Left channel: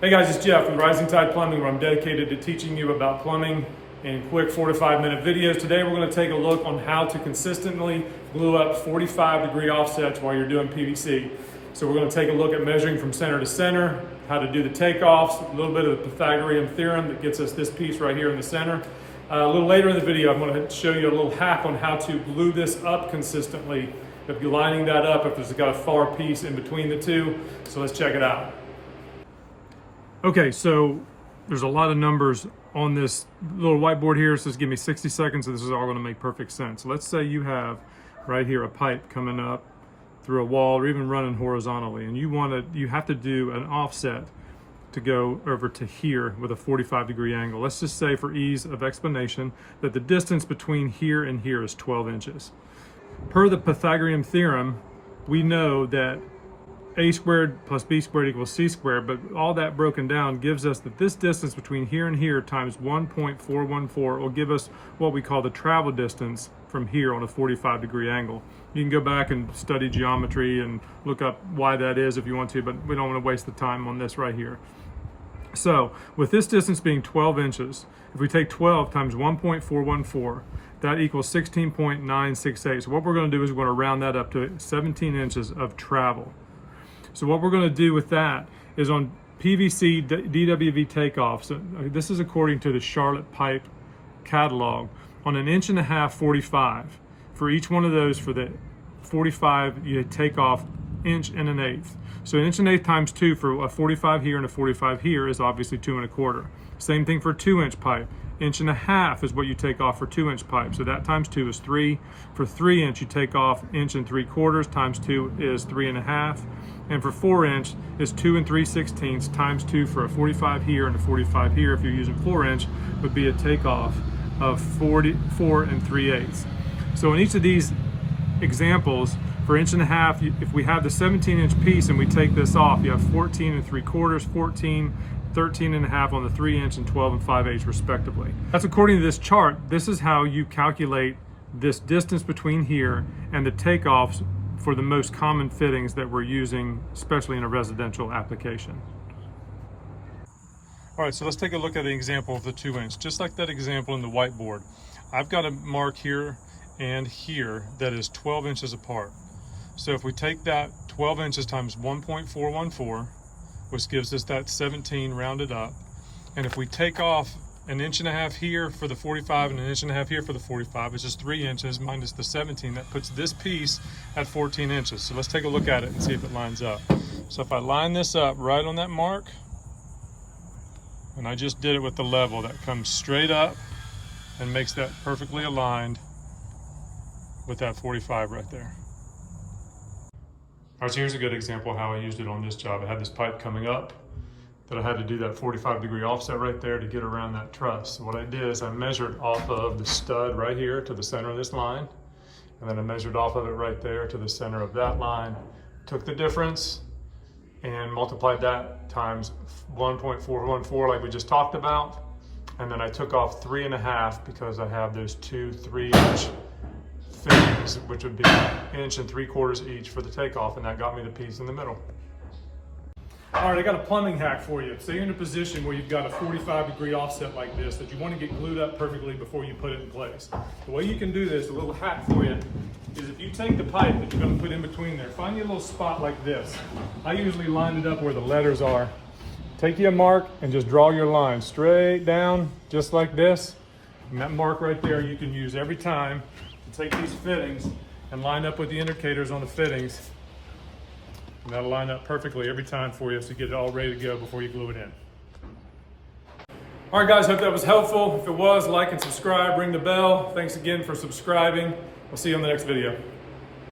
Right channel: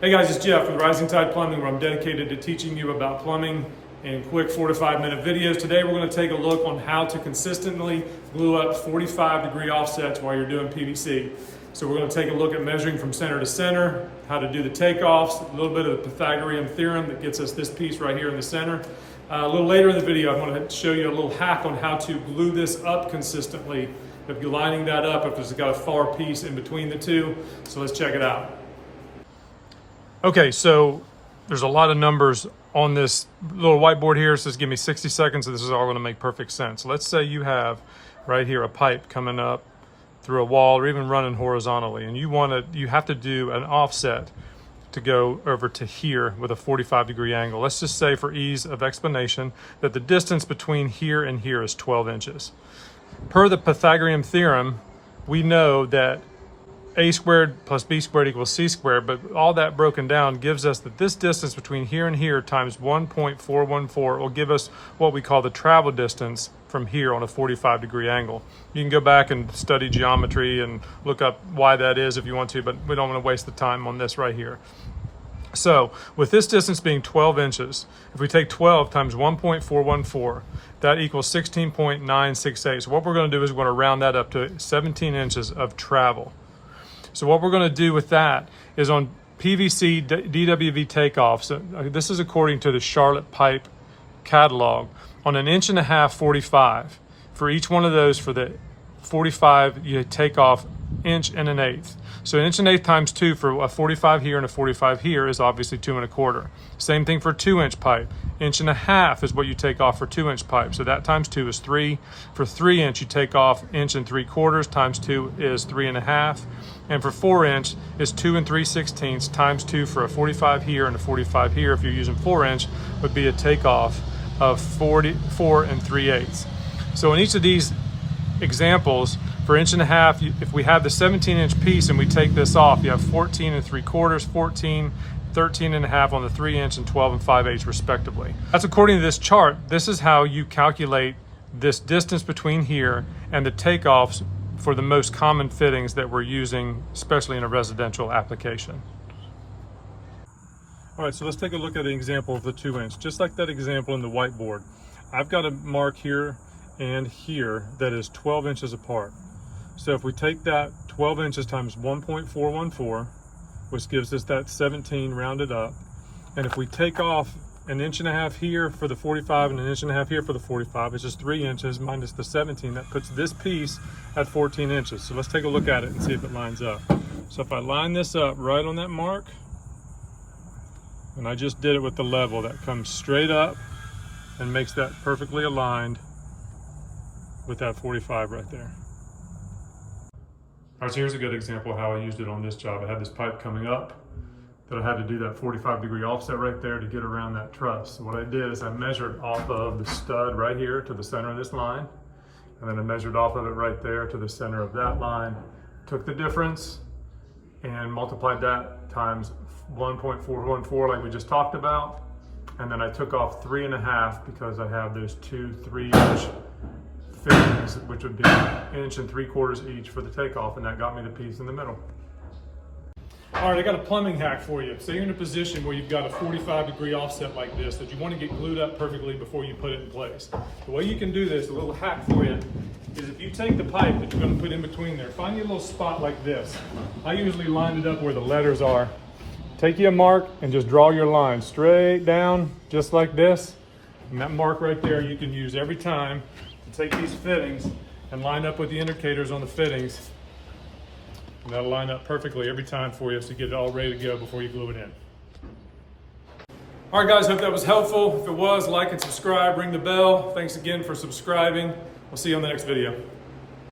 Hey guys, it's Jeff with Rising Tide Plumbing, where I'm dedicated to teaching you about plumbing in quick 4 to 5 minute videos. Today we're going to take a look on how to consistently glue up 45-degree offsets while you're doing PVC. So we're going to take a look at measuring from center to center, how to do the takeoffs, a little bit of the Pythagorean theorem that gets us this piece right here in the center. A little later in the video, I'm going to show you a little hack on how to glue this up consistently. If you're lining that up, if it's got a far piece in between the two. So let's check it out. Okay, so there's a lot of numbers on this little whiteboard here. It says give me 60 seconds, so this is all going to make perfect sense. Let's say you have right here a pipe coming up through a wall or even running horizontally, and you have to do an offset to go over to here with a 45-degree angle. Let's just say, for ease of explanation, that the distance between here and here is 12 inches. Per the Pythagorean theorem, we know that a squared plus b squared equals c squared, but all that broken down gives us that this distance between here and here times 1.414 will give us what we call the travel distance from here on a 45-degree angle. You can go back and study geometry and look up why that is if you want to, but we don't want to waste the time on this right here. So with this distance being 12 inches, if we take 12 times 1.414, that equals 16.968. So what we're going to do is we're going to round that up to 17 inches of travel. So what we're going to do with that is on PVC DWV takeoffs, this is according to the Charlotte Pipe catalog, on 1.5 inch 45. For each one of those, for the 45, you take off 1 1/8 inches. So 1 1/8 inches times 2 for a 45 here and a 45 here is obviously 2 1/4. Same thing for a 2-inch pipe. 1.5 inches is what you take off for 2-inch pipe. So that times 2 is 3. For 3-inch, you take off 1 3/4 times 2 is 3.5. And for 4-inch is 2 3/16 times 2 for a 45 here and a 45 here. If you're using 4-inch, would be a takeoff of 44 3/8. So in each of these examples, for 1.5 inches, if we have the 17-inch piece and we take this off, you have 14 3/4, 14, 13.5 on the 3-inch, and 12 5/8 respectively. That's according to this chart. This is how you calculate this distance between here and the takeoffs for the most common fittings that we're using, especially in a residential application. All right, so let's take a look at the example of the 2-inch. Just like that example in the whiteboard, I've got a mark here and here that is 12 inches apart. So if we take that 12 inches times 1.414, which gives us that 17 rounded up, and if we take off 1.5 inches here for the 45 and 1.5 inches here for the 45, it's just 3 inches minus the 17. That puts this piece at 14 inches. So let's take a look at it and see if it lines up. So if I line this up right on that mark, and I just did it with the level, that comes straight up and makes that perfectly aligned with that 45 right there. All right, so here's a good example of how I used it on this job. I had this pipe coming up that I had to do that 45-degree offset right there to get around that truss. So what I did is I measured off of the stud right here to the center of this line, and then I measured off of it right there to the center of that line, took the difference and multiplied that times 1.414 like we just talked about, and then I took off 3.5 because I have those two 3-inch fittings, which would be 1 3/4 each for the takeoff, and that got me the piece in the middle. All right, I got a plumbing hack for you. Say you're in a position where you've got a 45-degree offset like this that you want to get glued up perfectly before you put it in place. The way you can do this, a little hack for you, is if you take the pipe that you're going to put in between there, find you a little spot like this. I usually line it up where the letters are. Take you a mark and just draw your line straight down, just like this. And that mark right there you can use every time to take these fittings and line up with the indicators on the fittings. And that'll line up perfectly every time for you, so you get it all ready to go before you glue it in. All right, guys, hope that was helpful. If it was, like and subscribe, ring the bell. Thanks again for subscribing. We'll see you on the next video.